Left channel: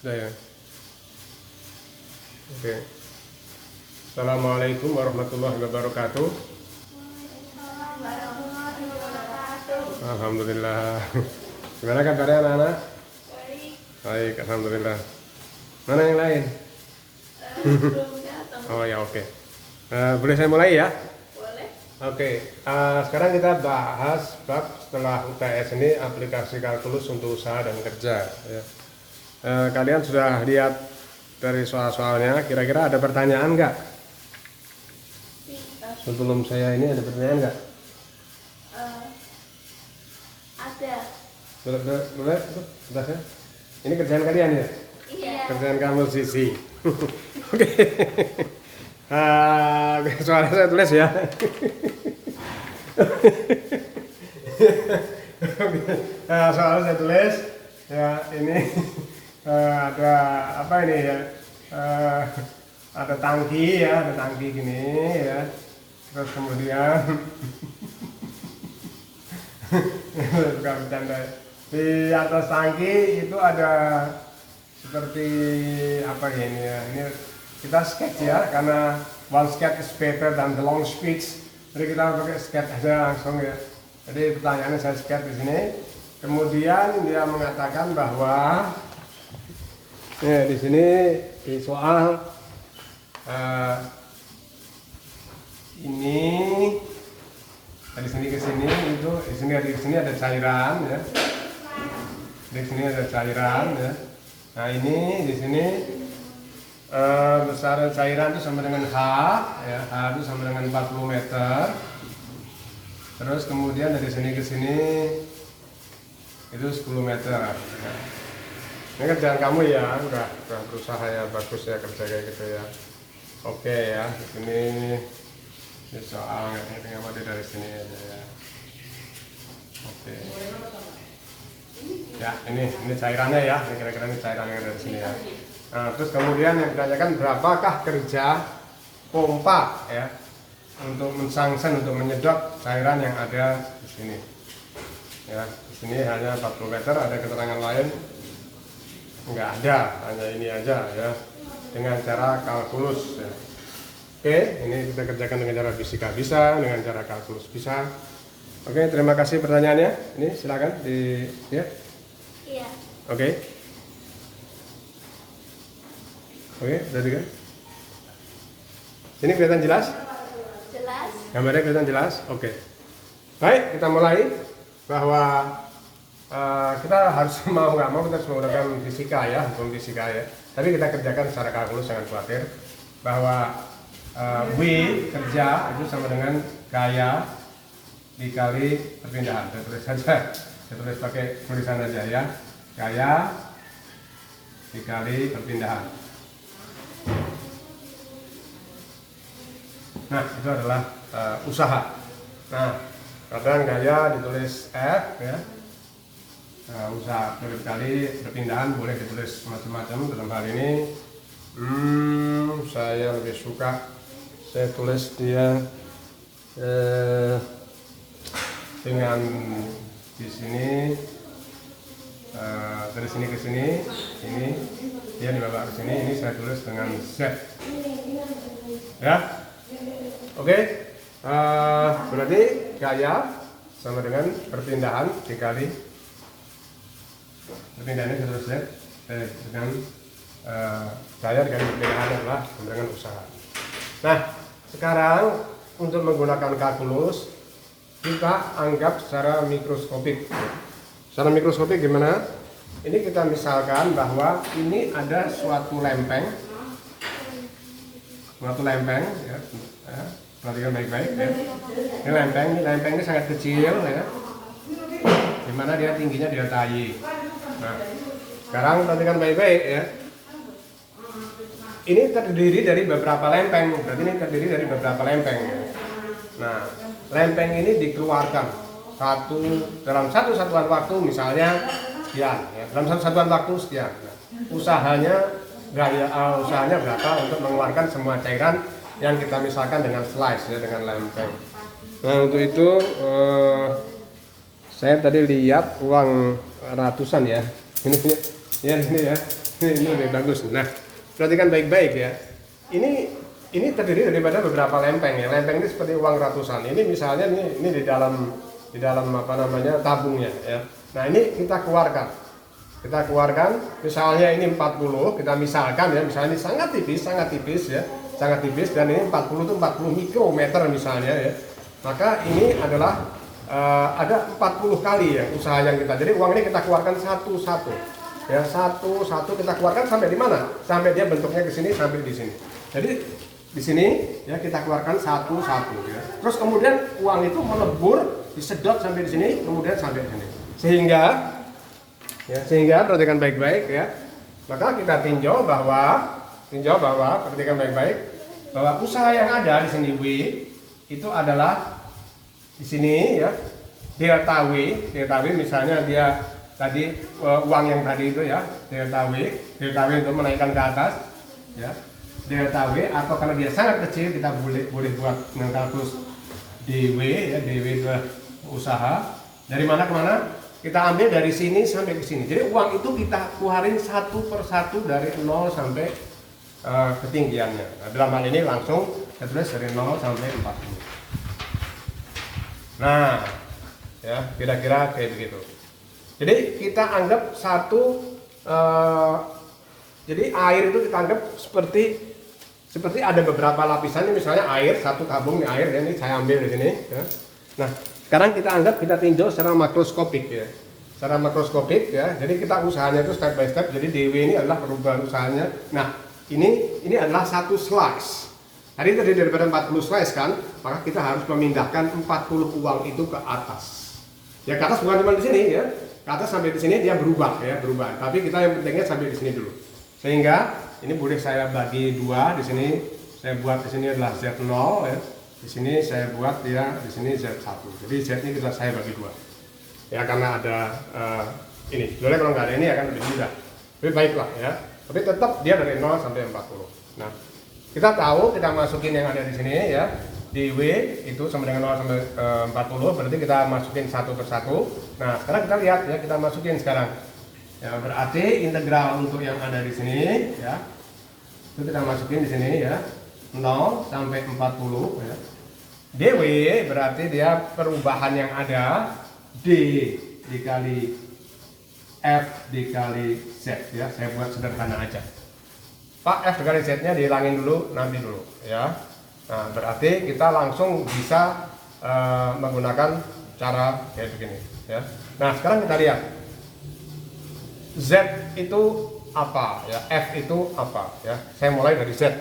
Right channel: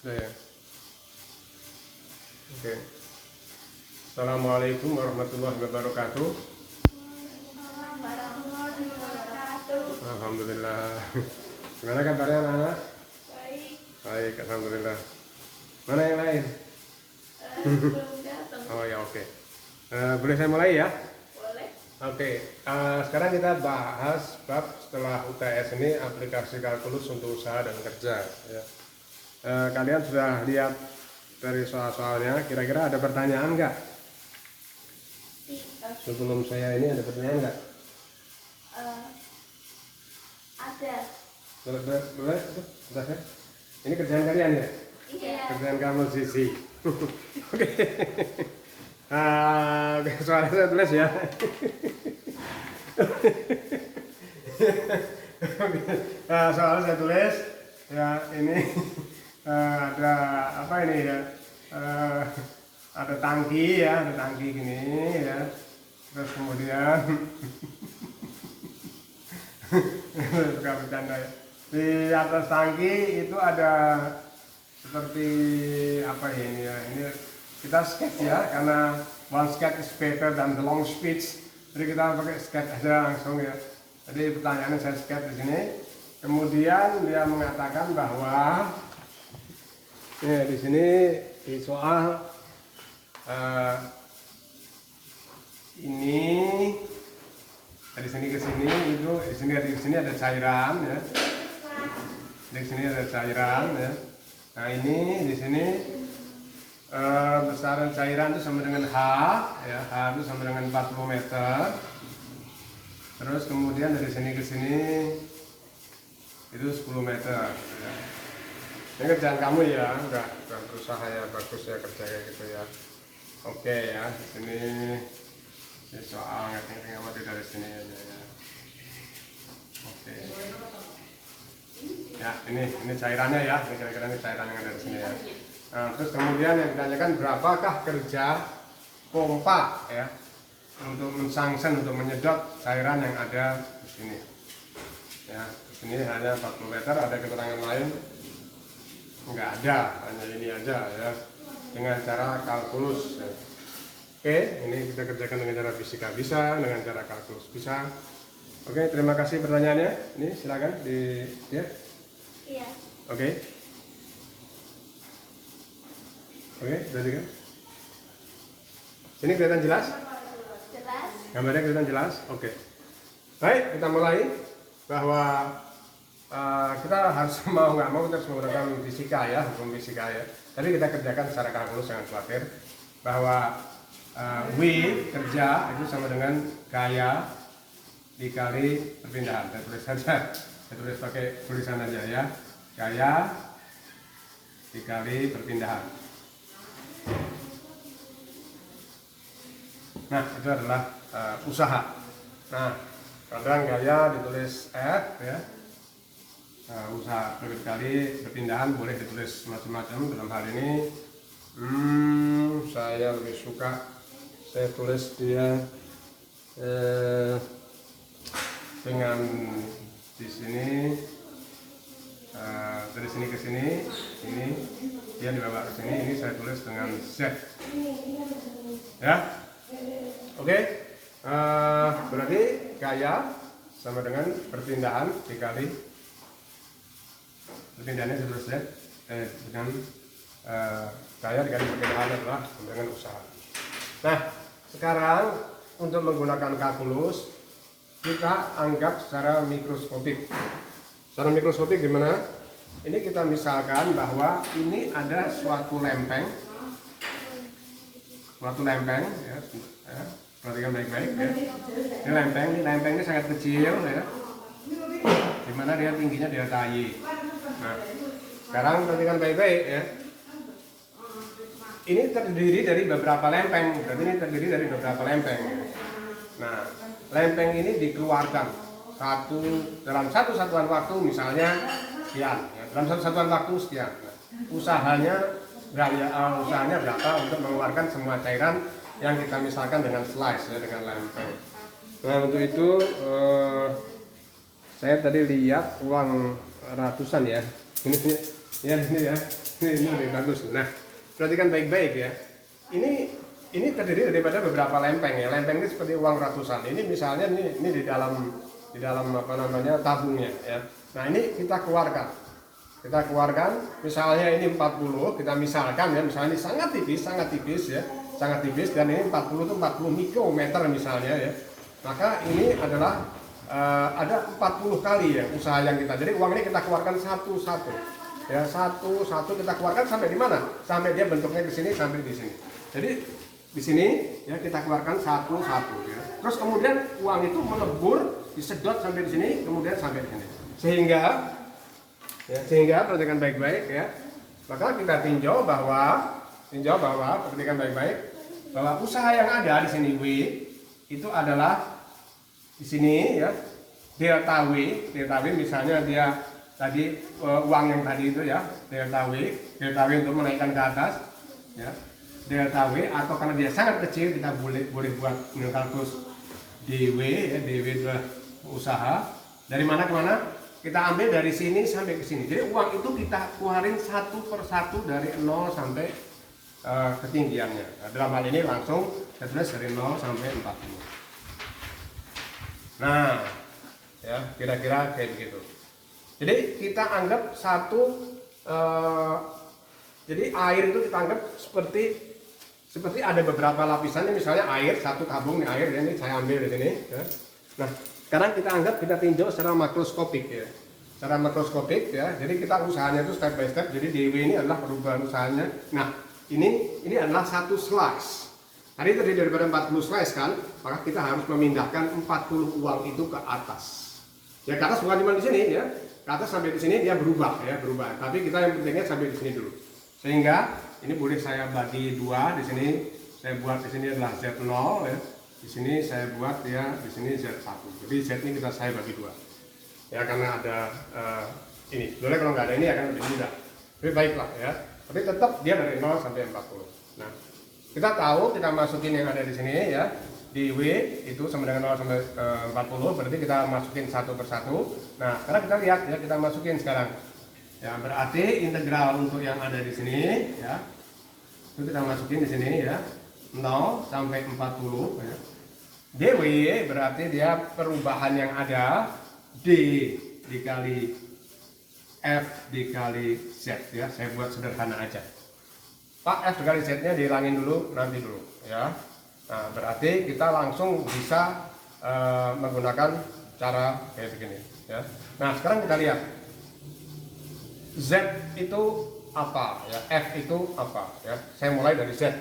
Udah ya. Oke. Assalamualaikum warahmatullahi wabarakatuh. Alhamdulillah. Gimana kabarnya anak-anak? Baik. Baik, alhamdulillah. Mana yang lain? Belum datang. Oh ya, oke. Boleh saya mulai ya? Boleh. Oke. Sekarang kita bahas bab setelah UTS ini aplikasi kalkulus untuk usaha dan kerja. Ya. Kalian sudah lihat dari soal-soalnya. Kira-kira ada pertanyaan nggak? Sebelum saya ini ada pertanyaan nggak? Ada. Boleh? Sudah ya? Ini kerjaan kalian ya? Iya. Kerjaan kamu Sisi. Oke. Soalnya saya tulis ya. Soalnya saya tulis ya, ini ada apa ini ya? Ada tangki ya, ada tangki gini ya. Terus kemudian bukan bercanda. Di atas tangki itu ada seperti apa ya ini ya? Ini kita sketch ya, karena one sketch is better than the long speech. Jadi kita pakai sketch aja langsung ya. Jadi pertanyaannya saya sketch di sini. Kemudian dia mengatakan bahwa ya, di sini di soal ini dari sini ke sini itu di sini ada cairan ya. Di sini ada cairan ya. Nah ini di sini besaran cairan itu sama dengan H ya. H itu sama dengan 40 meter. Terus kemudian dari sini ke sini itu 10 meter ya. Ini kerjaan kamu ya, udah berusaha ya, bagus ya kerja kayak gitu ya. Oke ya, di sini ini soal ini ngamati dari sini ya. Oke. Ya, ini cairannya ya, kira-kira ini cairan yang dari sini ya. Nah, terus kemudian yang ditanyakan berapakah kerja pompa ya untuk mensangsen, untuk menyedot cairan yang ada di sini. Ya, di sini hanya 40 meter, ada keterangan lain nggak ada, hanya ini aja ya, dengan cara kalkulus ya. Oke, ini kita kerjakan dengan cara fisika bisa, dengan cara kalkulus bisa. Oke, terima kasih pertanyaannya. Ini silakan di ya. Iya. Oke, berarti kan? Sini kelihatan jelas? Jelas. Gambarnya kelihatan jelas? Oke. Baik, kita mulai bahwa kita harus mau nggak mau kita harus menggunakan fisika ya, hukum fisika ya. Tapi kita kerjakan secara kalkulus, jangan khawatir bahwa W kerja itu sama dengan gaya dikali perpindahan. Saya tulis saja, saya tulis pakai tulisan aja ya. Gaya dikali perpindahan. Nah, itu adalah usaha. Nah, kadang gaya ditulis F ya. Usaha kali perpindahan boleh ditulis macam-macam. Dalam hal ini saya lebih suka saya tulis dia dengan di sini dari sini ke sini, ini dia dibawa ke sini, ini saya tulis dengan Z ya. Oke. Berarti gaya sama dengan perpindahan dikali perpindahannya saya tulis Z dengan gaya dikali perpindahan adalah sama dengan usaha. Nah, sekarang untuk menggunakan kalkulus kita anggap secara mikroskopik. Secara mikroskopik gimana? Ini kita misalkan bahwa ini ada suatu lempeng, ya. Perhatikan baik-baik ya. Ini lempeng ini sangat kecil ya. Dimana dia tingginya delta Y. Nah, sekarang perhatikan baik-baik ya. Ini terdiri dari beberapa lempeng, berarti ini terdiri dari beberapa lempeng. Nah, lempeng ini dikeluarkan dalam satu satuan waktu, misalnya sekian, ya. Dalam satu satuan waktu sekian. Nah, usahanya berapa untuk mengeluarkan semua cairan yang kita misalkan dengan slice ya, dengan lempeng. Nah, untuk itu saya tadi lihat uang ratusan ya. Ini Ya ini ya, ini lebih bagus. Nah, perhatikan baik-baik ya. Ini terdiri daripada beberapa lempeng ya. Lempeng ini seperti uang ratusan. Ini misalnya ini di dalam apa namanya tabungnya ya. Nah ini kita keluarkan. Kita keluarkan. Misalnya ini 40. Kita misalkan ya. Misalnya ini sangat tipis ya. Sangat tipis dan ini 40 itu 40 mikrometer misalnya ya. Maka ini adalah ada 40 kali ya usaha yang kita. Jadi uang ini kita keluarkan satu-satu. Ya satu-satu kita keluarkan sampai di mana? Sampai dia bentuknya ke sini sampai di sini. Jadi di sini ya kita keluarkan satu-satu ya. Terus kemudian uang itu melebur, disedot sampai di sini, kemudian sampai di sini. Sehingga perhatikan baik-baik ya. Maka kita tinjau bahwa perhatikan baik-baik bahwa usaha yang ada di sini W itu adalah di sini ya delta W misalnya dia tadi uang yang tadi itu ya delta W untuk menaikkan ke atas ya delta W, atau karena dia sangat kecil kita boleh buat dengan kalkulus DW ya, DW adalah usaha dari mana ke mana, kita ambil dari sini sampai ke sini. Jadi uang itu kita keluarin satu per satu dari 0 sampai ketinggiannya. Nah, dalam hal ini langsung kita tulis dari 0 sampai 40. Nah ya kira-kira kayak begitu. Jadi kita anggap jadi air itu kita anggap seperti ada beberapa lapisannya, misalnya air, satu tabung nih air, dan ini saya ambil di sini ya. Nah sekarang kita anggap kita tinjau secara makroskopik ya, secara makroskopik ya. Jadi kita usahanya itu step by step. Jadi DW ini adalah perubahan usahanya. Nah ini adalah satu slice. Tadi terdiri daripada 40 slice kan, maka kita harus memindahkan 40 uang itu ke atas. Ya ke atas bukan cuma di sini ya, ke atas sampai di sini dia berubah ya, berubah. Tapi kita yang pentingnya sampai di sini dulu. Sehingga ini boleh saya bagi dua. Di sini saya buat, di sini adalah Z0 ya. Di sini saya buat dia, di sini Z1. Jadi Z ini saya bagi dua. Ya karena ada ini. Boleh kalau nggak ada ini akan lebih mudah. Lebih baiklah ya. Tapi tetap dia dari 0 sampai 40. Nah, kita tahu kita masukin yang ada di sini ya. Di W itu sama dengan 0 sampai 40, berarti kita masukin satu persatu. Nah, sekarang kita lihat ya, kita masukin sekarang. Ya, berarti integral untuk yang ada di sini ya. Itu kita masukin di sini ya. 0 sampai 40 ya. DW berarti dia perubahan yang ada D dikali F dikali Z ya. Saya buat sederhana aja. Pak, F dikali Z-nya dihilangin dulu, nanti dulu ya. Nah, berarti kita langsung bisa menggunakan cara kayak begini ya. Nah, sekarang kita lihat Z itu apa ya, F itu apa ya. Saya mulai dari Z.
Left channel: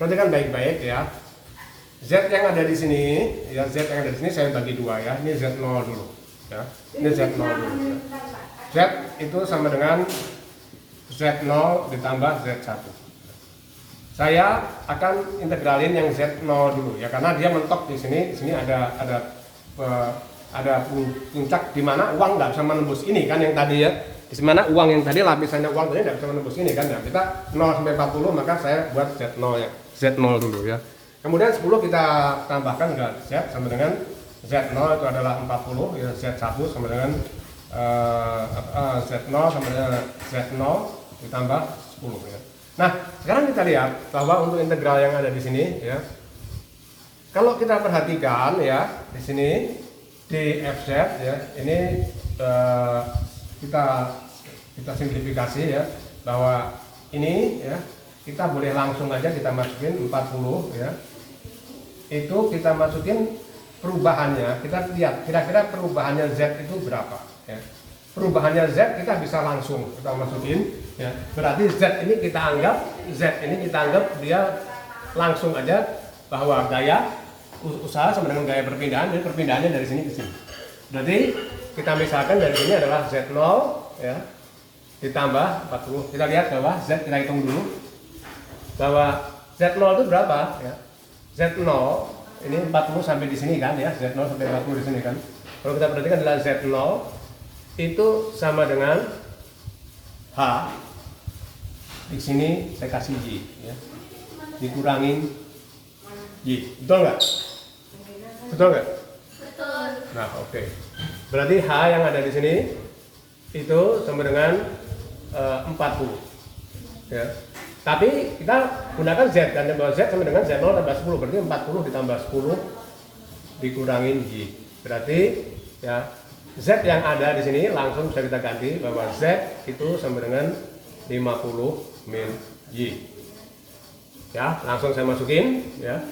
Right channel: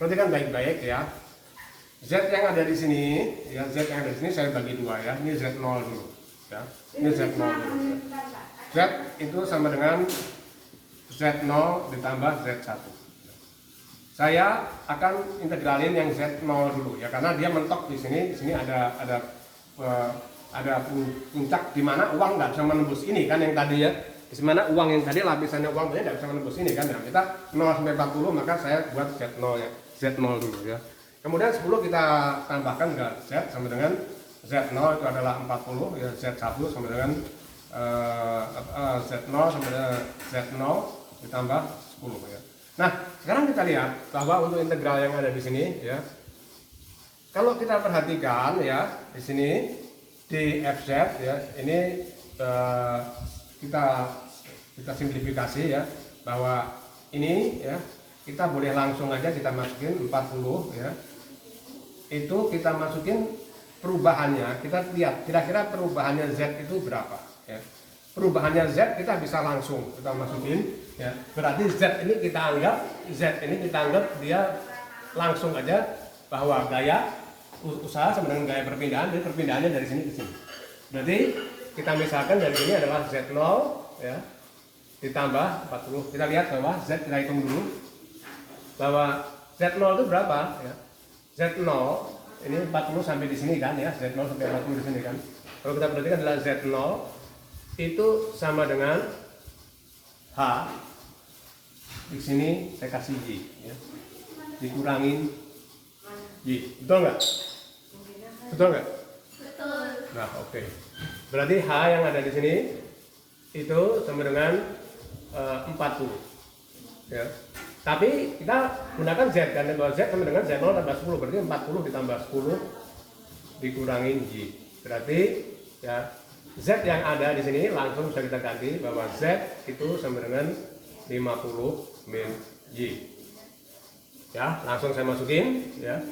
Perhatikan baik-baik ya. Z yang ada di sini ya, Z yang ada di sini saya bagi dua ya. Ini Z0 dulu ya. Ini Z0 dulu ya. Z itu sama dengan Z0 ditambah Z1. Saya akan integralin yang Z0 dulu ya, karena dia mentok di sini ada puncak di mana uang nggak bisa menembus ini kan yang tadi ya. Di mana uang yang tadi lapisannya uang tadi nggak bisa menembus ini kan. Nah, kita 0 sampai 40 maka saya buat Z0 ya. Z0 dulu ya. Kemudian 10 kita tambahkan ke Z sama dengan Z0 itu adalah 40 ya, Z1 sama dengan Z0 sama dengan Z0 ditambah 10 ya. Nah, sekarang kita lihat bahwa untuk integral yang ada di sini ya. Kalau kita perhatikan ya, di sini dfz ya, ini kita simplifikasi ya, bahwa ini ya kita boleh langsung aja kita masukin 40 ya. Itu kita masukin perubahannya, kita lihat kira-kira perubahannya Z itu berapa ya. Perubahannya Z kita bisa langsung kita masukin ya. Berarti Z ini kita anggap dia langsung aja bahwa gaya usaha sama dengan gaya perpindahan, jadi perpindahannya dari sini ke sini. Berarti kita misalkan dari sini adalah Z0 ya ditambah 40. Kita lihat bahwa Z, kita hitung dulu bahwa Z0 itu berapa ya. Z0 ini 40 sampai di sini kan ya, Z0 sampai 40 di sini kan. Kalau kita perhatikan adalah Z0 itu sama dengan H, di sini saya kasih Y ya, dikurangin Y, betul nggak? Betul nggak? Betul. Nah oke. Berarti H yang ada di sini itu sama dengan 40 ya. Tapi kita gunakan Z kan, bahwa Z sama dengan Z0 tambah 10, berarti 40 ditambah 10 dikurangin Y. Berarti ya Z yang ada di sini langsung bisa kita ganti bahwa Z itu sama dengan 50 min Y. Ya, langsung saya masukin ya.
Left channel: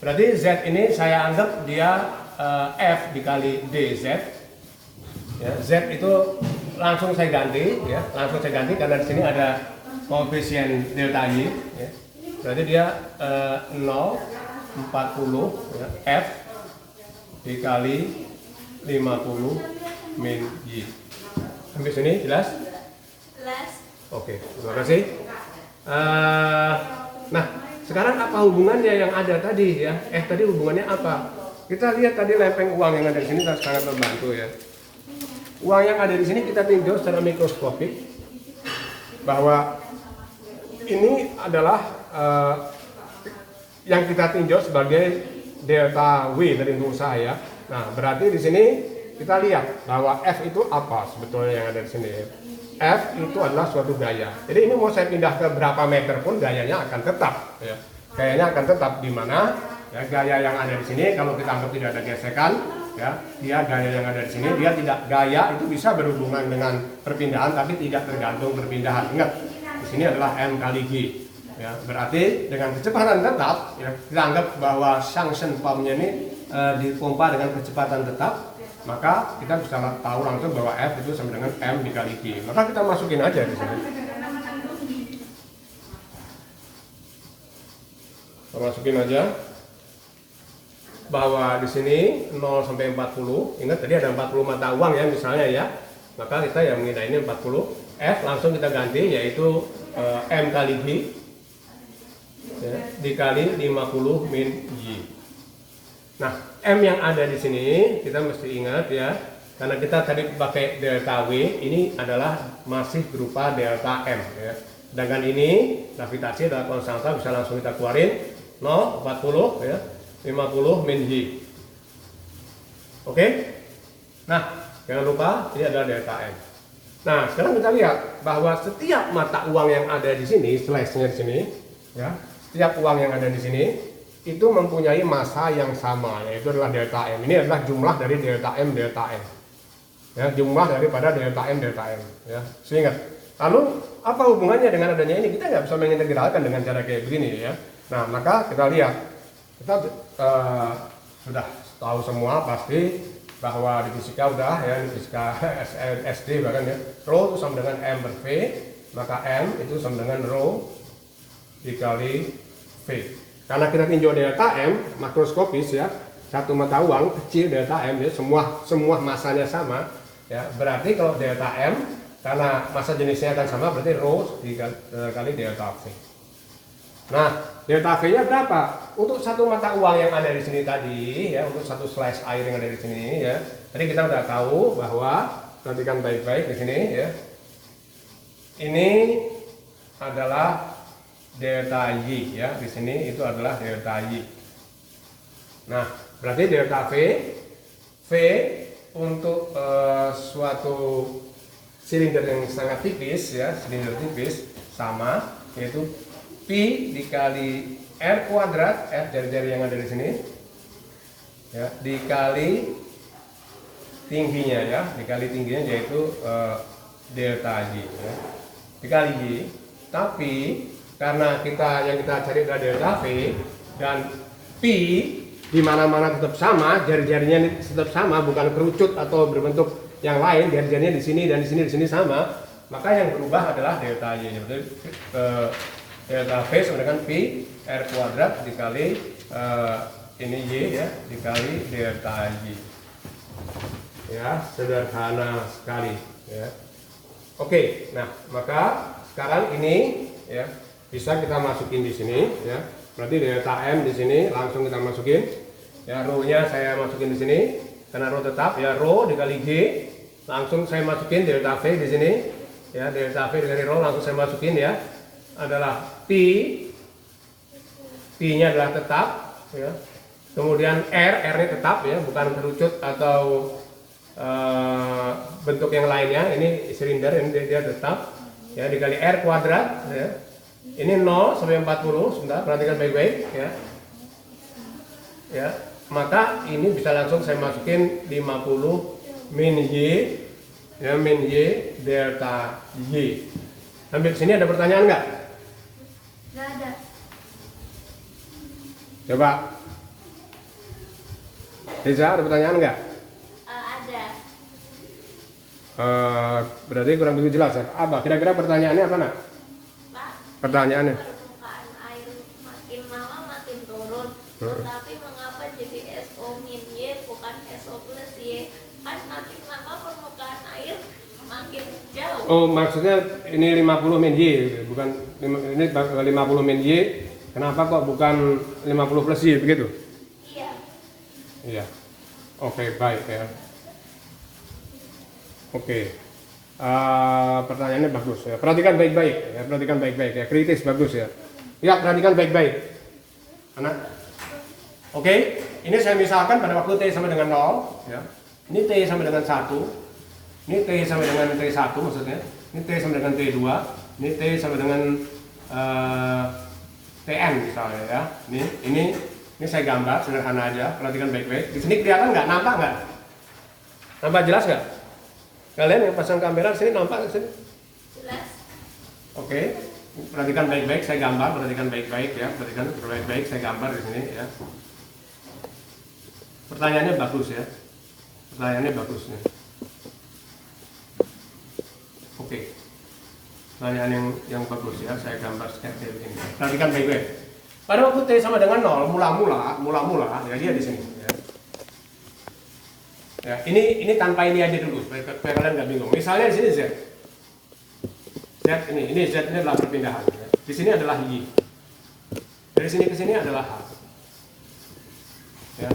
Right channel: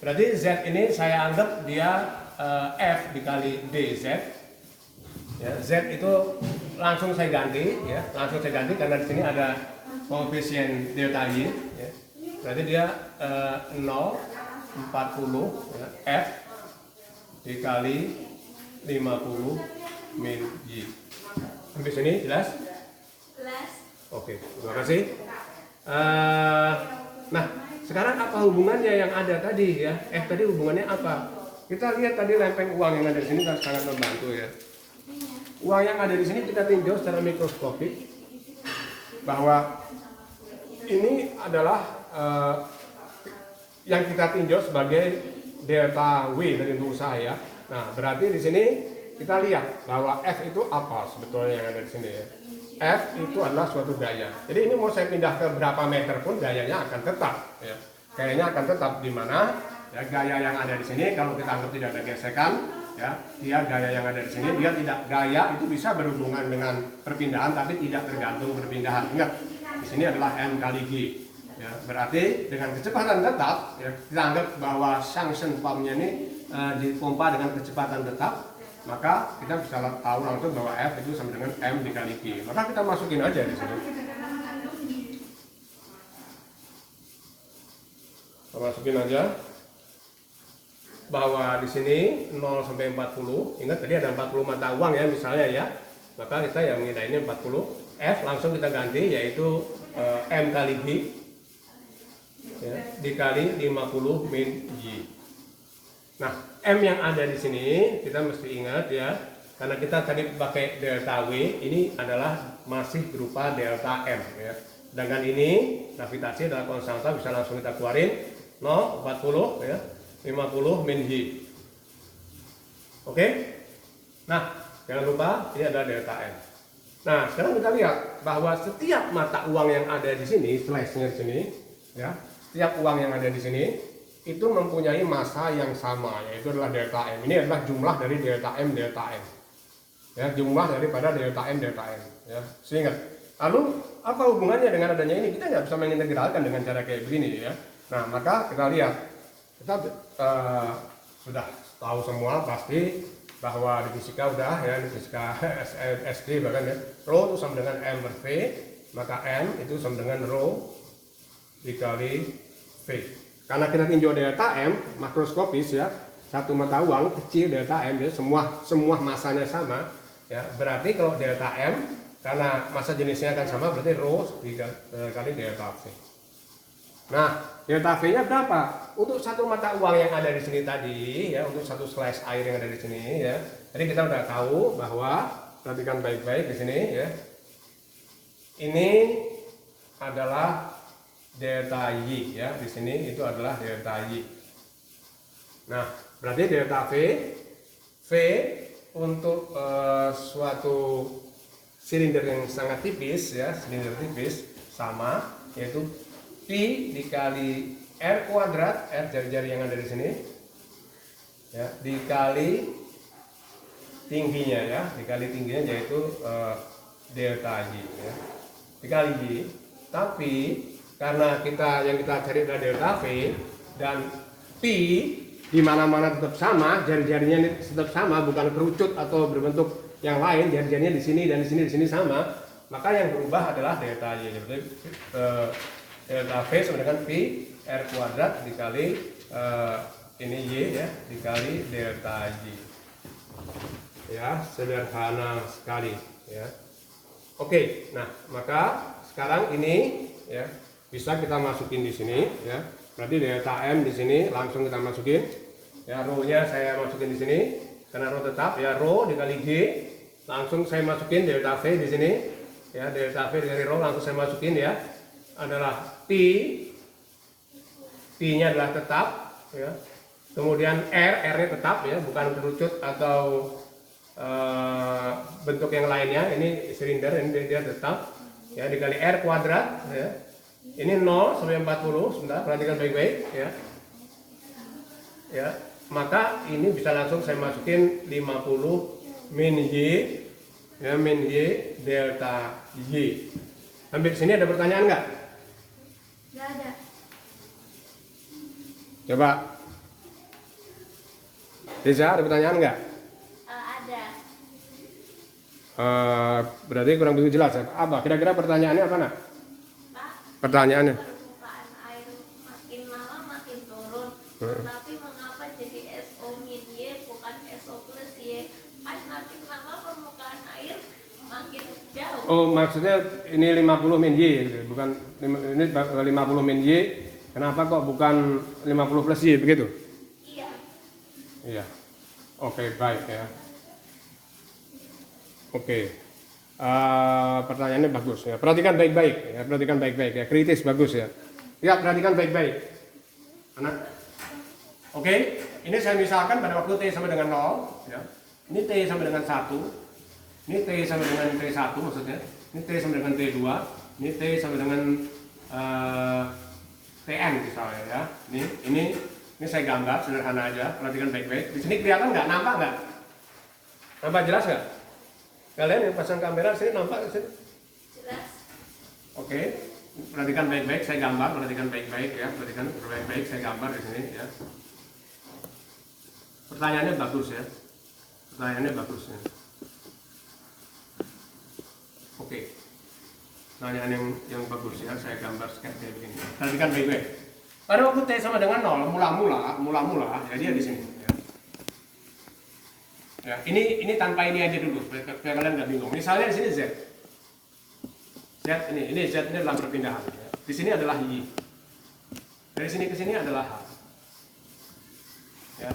Berarti Z ini saya anggap dia F dikali DZ. Ya, Z itu langsung saya ganti ya, langsung saya ganti karena di sini ada koefisien delta Y ya. Berarti dia 0 40 ya, F dikali 50 min Y. Sampai sini jelas? Jelas. Oke, terima kasih. Nah, sekarang apa hubungannya yang ada tadi ya? Tadi hubungannya apa? Kita lihat tadi lempeng uang yang ada di sini sangat membantu ya. Uang yang ada di sini kita tinjau secara mikroskopik bahwa ini adalah yang kita tinjau sebagai delta W dari untuk usaha ya. Nah, berarti di sini kita lihat bahwa F itu apa sebetulnya yang ada di sini. F itu adalah suatu gaya. Jadi ini mau saya pindah ke berapa meter pun gayanya akan tetap. Ya. Gayanya akan tetap di mana? Ya, gaya yang ada di sini kalau kita anggap tidak ada gesekan, ya, dia gaya yang ada di sini dia tidak gaya itu bisa berhubungan dengan perpindahan tapi tidak tergantung perpindahan. Ingat, di sini adalah M kali G. Ya, berarti dengan kecepatan tetap, ya, kita anggap bahwa suction pumpnya ini dipompa dengan kecepatan tetap, maka kita bisa tahu langsung bahwa F itu sama dengan M dikali G. Maka kita masukin aja di sini. Kita masukin aja bahwa di sini 0 sampai 40. Ingat tadi ada 40 mata uang ya misalnya ya. Maka kita yang mengira ini 40. F langsung kita ganti yaitu M kali G ya, dikali 50 min Y. Nah, M yang ada di sini kita mesti ingat ya, karena kita tadi pakai delta W, ini adalah masih berupa delta M ya. Sedangkan ini gravitasi adalah konstanta, bisa langsung kita keluarin 0, 40 ya, 50 min Y. Oke? Nah, jangan lupa ini adalah delta M. Nah, sekarang kita lihat bahwa setiap mata uang yang ada di sini, slash-nya di sini ya, setiap uang yang ada di sini itu mempunyai massa yang sama, yaitu adalah delta M. Ini adalah jumlah dari delta M delta M. Ya, jumlah daripada delta M delta M. Ya, seingat. Lalu apa hubungannya dengan adanya ini? Kita nggak bisa mengintegralkan dengan cara kayak begini ya. Nah, maka kita lihat, kita sudah tahu semua pasti bahwa di fisika udah ya, di fisika SD bahkan ya, rho itu sama dengan M per V, maka M itu sama dengan rho dikali V. Karena kita tinjau delta M makroskopis ya, satu mata uang kecil delta M ya, semua masanya sama ya. Berarti kalau delta M karena massa jenisnya akan sama berarti rho dikali delta V. Nah, delta V-nya berapa? Untuk satu mata uang yang ada di sini tadi ya, untuk satu slice air yang ada di sini ya. Tadi kita udah tahu bahwa, perhatikan baik-baik di sini ya. Ini adalah delta Y ya, di sini itu adalah delta Y. Nah, berarti delta V untuk suatu silinder yang sangat tipis ya, silinder tipis sama, yaitu Pi dikali R kuadrat, R jari-jari yang ada di sini ya, dikali tingginya ya, dikali tingginya yaitu delta Y ya, dikali Y. Tapi karena yang kita cari adalah delta V dan Pi di mana-mana tetap sama, jari-jarinya tetap sama, bukan kerucut atau berbentuk yang lain, jari-jarinya di sini dan di sini sama, maka yang berubah adalah delta Y. Jadi delta V sama dengan Pi R kuadrat dikali ini Y ya, dikali delta Y. Ya, sederhana sekali ya. Oke, nah maka sekarang ini ya bisa kita masukin di sini ya. Berarti delta M di sini langsung kita masukin. Ya, rho-nya saya masukin di sini karena rho tetap ya, rho dikali G. Langsung saya masukin delta V di sini. Ya, delta V dari rho langsung saya masukin ya. Adalah Pi-nya adalah tetap ya. Kemudian R-nya tetap ya, bukan kerucut atau bentuk yang lainnya, ini silinder, ini dia tetap ya, dikali R kuadrat ya. Ini 0 sampai 40, sebentar perhatikan baik-baik ya. Ya, maka ini bisa langsung saya masukin 50 min Y ya, min Y delta Y. Sampai sini ada pertanyaan nggak? Nggak ada. Coba. Reza, ada pertanyaan nggak? Ada. Berarti kurang begitu jelas ya. Apa? Kira-kira pertanyaannya apa nak? Pak, Pertanyaannya. permukaan air makin lama makin turun. Hmm. Tapi mengapa jadi SO min Y bukan SO plus Y? Kan makin lama permukaan air makin jauh. Oh, maksudnya ini 50 min Y, bukan ini 50 min Y. Kenapa kok bukan 50 plus Y begitu? Iya. Iya. Oke, baik ya. Oke. Pertanyaannya bagus ya. Perhatikan baik-baik ya, perhatikan baik-baik ya. Kritis bagus ya. Ya, perhatikan baik-baik. Anak. Oke, ini saya misalkan pada waktu T sama dengan 0 ya. Ini T sama dengan 1. Ini T sama dengan T1 maksudnya. Ini T sama dengan T2. Ini T sama dengan TN misalnya ya. Ini saya gambar sederhana aja. Perhatikan baik-baik. Di sini kelihatan nggak? Nampak nggak? Nampak jelas nggak? Kalian yang pasang kamera sini nampak di sini? Jelas. Oke. Perhatikan baik-baik. Saya gambar. Perhatikan baik-baik ya. Perhatikan baik-baik. Saya gambar di sini ya. Pertanyaannya bagus ya. Pertanyaannya bagus nih. Oke. Pertanyaan yang bagus ya, saya gambar sketch dari ini. Perhatikan baik-baik. Pada waktu T sama dengan 0, mula-mula, ya dia di sini. Ya. Ya, ini tanpa ini aja dulu, supaya kalian nggak bingung. Misalnya di sini Z. Z ini Z ini adalah perpindahan. Ya. Di sini adalah Y. Dari sini ke sini adalah H. Ya.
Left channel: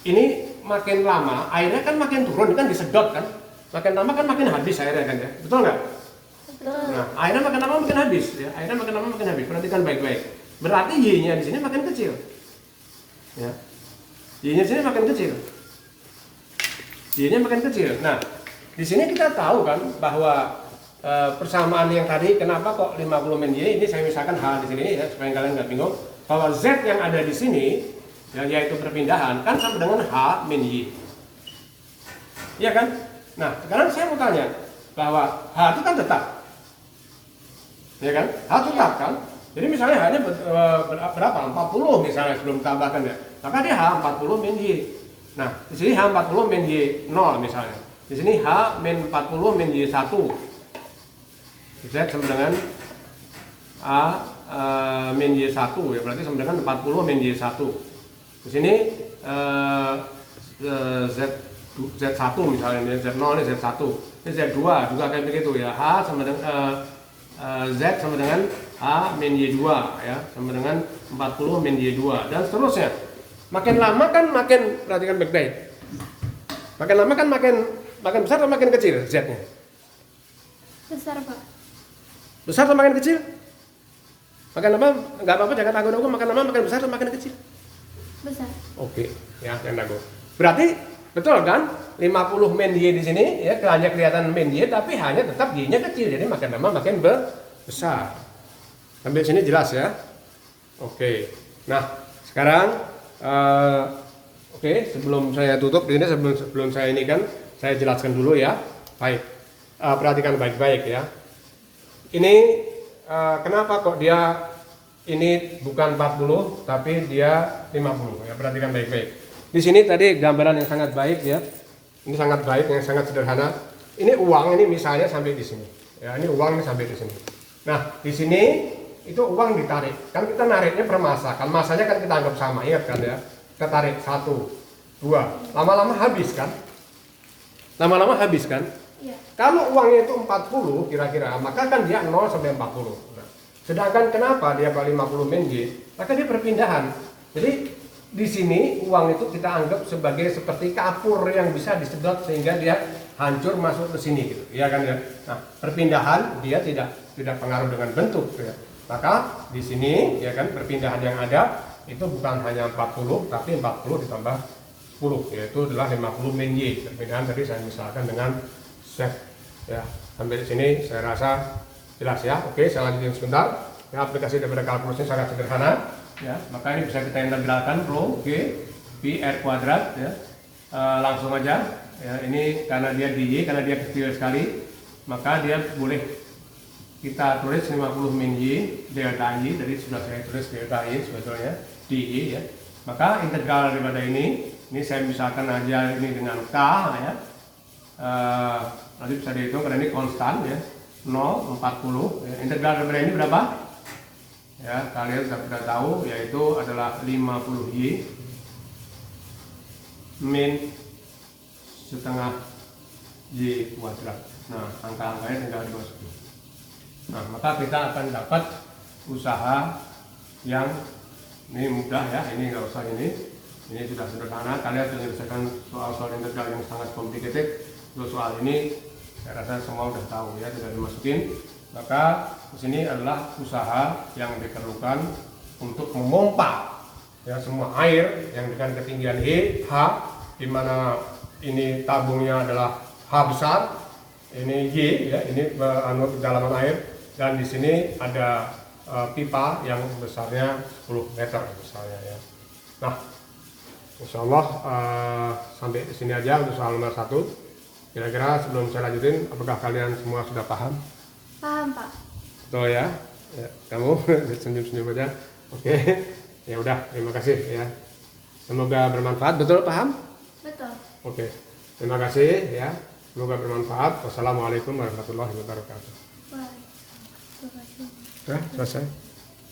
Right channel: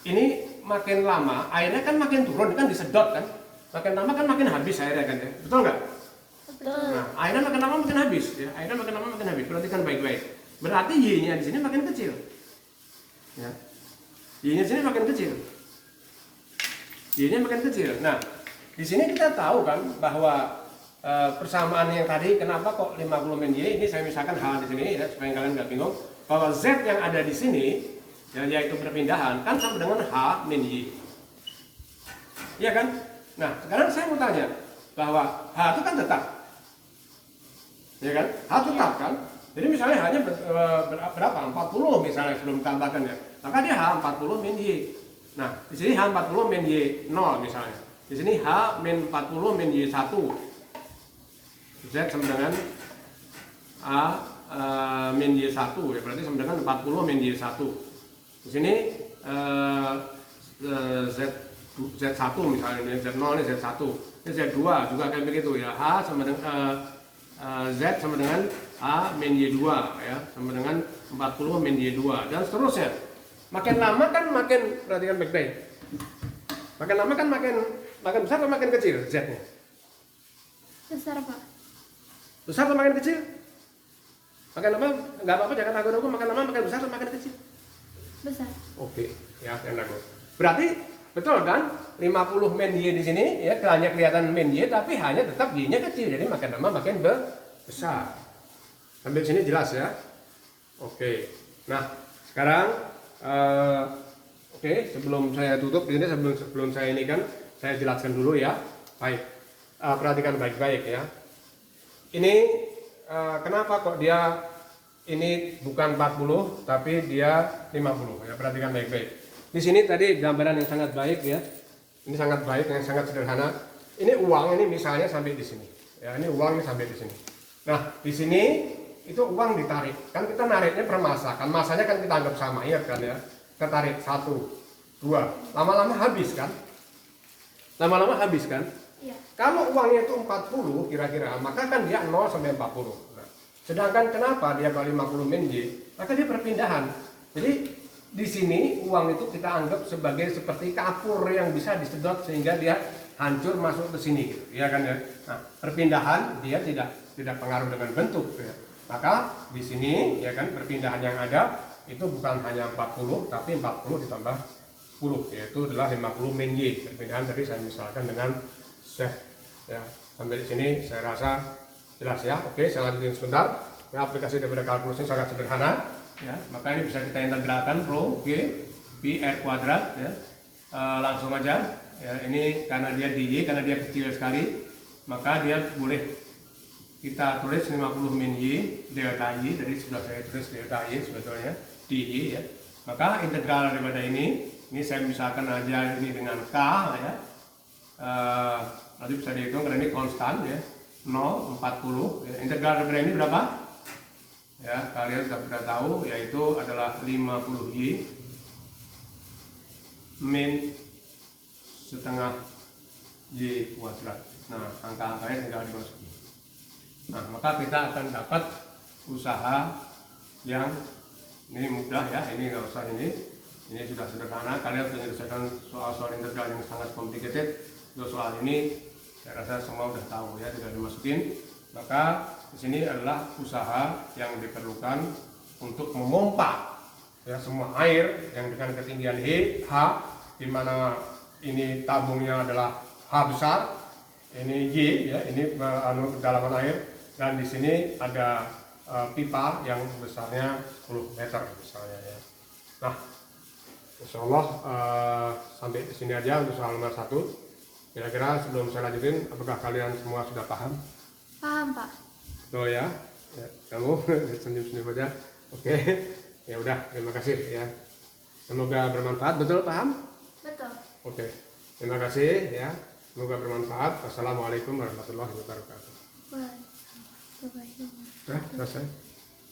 Ini makin lama, airnya kan makin turun, kan disedot kan. Makin lama kan makin habis airnya kan ya. Betul nggak? Betul. Nah, airnya makin lama makin habis ya. Airnya makin lama makin habis. Perhatikan baik-baik. Berarti Y-nya di sini makin kecil. Ya. Y-nya di sini makin kecil. Y-nya makin kecil. Nah, di sini kita tahu kan bahwa persamaan yang tadi kenapa kok 50 min Y, ini saya misalkan H di sini ya supaya kalian nggak bingung bahwa Z yang ada di sini ya, yaitu perpindahan kan sama dengan H min Y. Iya kan? Nah, sekarang saya mau tanya bahwa H itu kan tetap. Ya kan? H tetap kan? Jadi misalnya H-nya berapa? 40 misalnya sebelum ditambahkan ya. Maka dia H 40 min Y. Nah, di sini H 40 min Y 0 misalnya. Di sini H min 40 min Y 1. Z sama dengan A min Y 1 ya, berarti sama dengan 40 min Y 1. Di sini Z1 misalnya, ini Z0 ini Z1. Ini Z2 juga kayak begitu ya. H sama dengan Z sama dengan A min Y2 ya, sama dengan 40 min Y2 dan seterusnya. Makin lama kan makin, perhatikan baik-baik. Makin lama kan makin besar atau makin kecil Z-nya? Besar, Pak. Besar atau makin kecil? Makin lama nggak apa-apa, jangan ragu-ragu. Makin lama makin besar atau makin kecil? Besar. Oke, ya jangan ragu. Berarti betul kan? 50 min Y di sini ya, hanya kelihatan min Y tapi hanya tetap Y-nya kecil. Jadi makin lama makin besar. Sampai sini jelas ya? Oke. Nah, sekarang oke, sebelum saya tutup ini, sebelum saya ini kan saya jelaskan dulu ya. Baik. Perhatikan baik-baik ya. Ini kenapa kok dia ini bukan 40 tapi dia 50 ya, perhatikan baik-baik. Di sini tadi gambaran yang sangat baik ya. Ini sangat baik, yang sangat sederhana. Ini uang ini misalnya sampai di sini. Ya, ini uang ini sampai di sini. Nah, di sini itu uang ditarik. Kan kita nariknya per masa. Kan masanya kan kita anggap sama, ingat kan ya. Kita tarik 1, 2. Lama-lama habis kan? Lama-lama habis kan? Iya. Kalau uangnya itu 40 kira-kira, maka kan dia 0 sampai 40. Nah, sedangkan kenapa dia kalau 50 min Y? Maka dia perpindahan. Jadi di sini uang itu kita anggap sebagai seperti kapur yang bisa disedot sehingga dia hancur masuk ke sini gitu. Ya kan ya. Nah, perpindahan dia tidak pengaruh dengan bentuk ya. Maka di sini ya kan perpindahan yang ada itu bukan hanya 40 tapi 40 ditambah 10 10, yaitu adalah 50 min Y. Perbedaan tadi saya misalkan dengan Z ya. Sampai di sini saya rasa jelas ya. Oke, saya lanjutin sebentar. Ya, aplikasi daripada kalkulusnya sangat sederhana ya. Maka ini bisa kita integralkan rho G pi R kuadrat ya. Langsung aja ya, ini karena dia di Y, karena dia kecil sekali, maka dia boleh kita tulis 50 min Y delta Y. Tadi sudah saya tulis delta Y sebetulnya di Y ya. Maka integral daripada ini saya misalkan aja ini dengan K ya. Nanti bisa dihitung karena ini konstan ya, 0, 40 ya. Integral daripada ini berapa? Ya, kalian sudah tahu, yaitu adalah 50Y min setengah Y kuadrat. Nah, angka-angkanya tinggal dimasukin. Nah, maka kita akan dapat usaha yang ini mudah ya, ini nggak usah ini sudah sederhana. Kalian sudah menyelesaikan soal-soal integral yang sangat complicated. Untuk soal ini saya rasa semua sudah tahu ya, sudah dimasukin. Maka di sini adalah usaha yang diperlukan untuk memompa ya semua air yang dengan ketinggian H, di mana ini tabungnya adalah H besar, ini Y ya, ini kedalaman air, dan di sini ada pipa yang besarnya 10 meter misalnya ya. Nah, insya Allah sampai di sini aja untuk soal nomor 1. Kira-kira sebelum saya lanjutin, apakah kalian semua sudah paham? Paham, Pak. Betul ya, kamu senyum-senyum aja. Oke, ya udah, terima kasih ya. Semoga bermanfaat. Betul, paham? Betul. Oke, terima kasih ya. Semoga bermanfaat. Wassalamualaikum warahmatullahi wabarakatuh. Wah. Oke, selesai.